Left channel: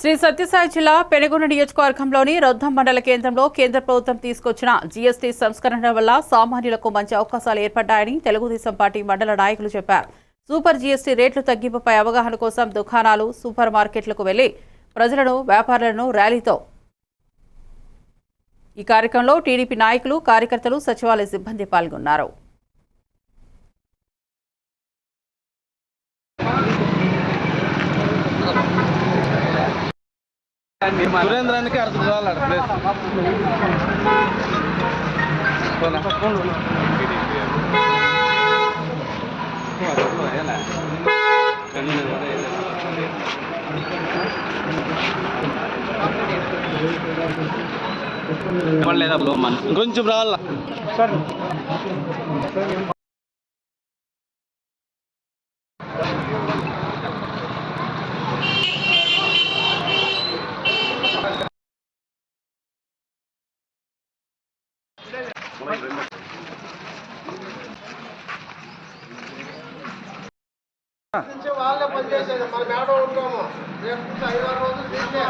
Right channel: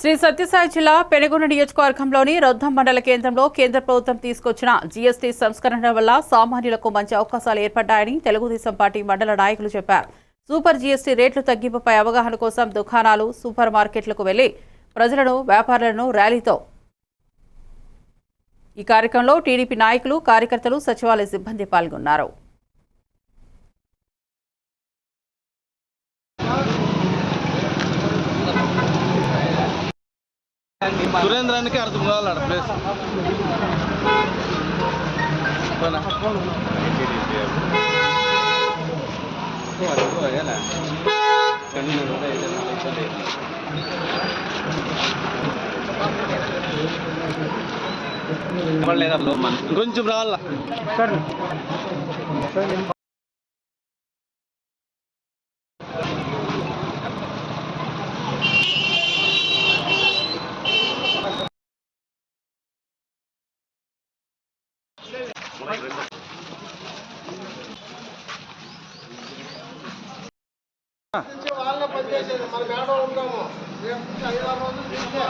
శ్రీ సత్యసాయి జిల్లా పెనుగొండ నియోజకవర్గంలోని రొద్దం మండల కేంద్రంలో కేంద్ర ప్రభుత్వం తీసుకొచ్చిన జీఎస్టీ సంస్కరణ వల్ల సామాన్యులకు మంచి అవకాశాలు ఏర్పడ్డాయని తెలుగుదేశం పార్టీ మండల నాయకులు చెప్పారు. సూపర్ జీఎస్టీ రేట్లు తగ్గింపుపై అవగాహన కోసం దుకాణాలు సూపర్ మార్కెట్లకు వెళ్ళి ప్రజలను వ్యాపారులను ర్యాలీతో ఈ కార్యక్రమంలో టీడీపీ నాయకులు కార్యకర్తలు సచివాలయ సిబ్బంది పాల్గొన్నారు. సురేంద్రానికి అర్థం కావాలి ఆడ ప్లేస్ పోనా? కొంచెం రావాల? వాళ్ళే పనిచేసేది మనం ఏడో ఉంటాము రేపు నుంచి ఐదారు రోజులు తీసే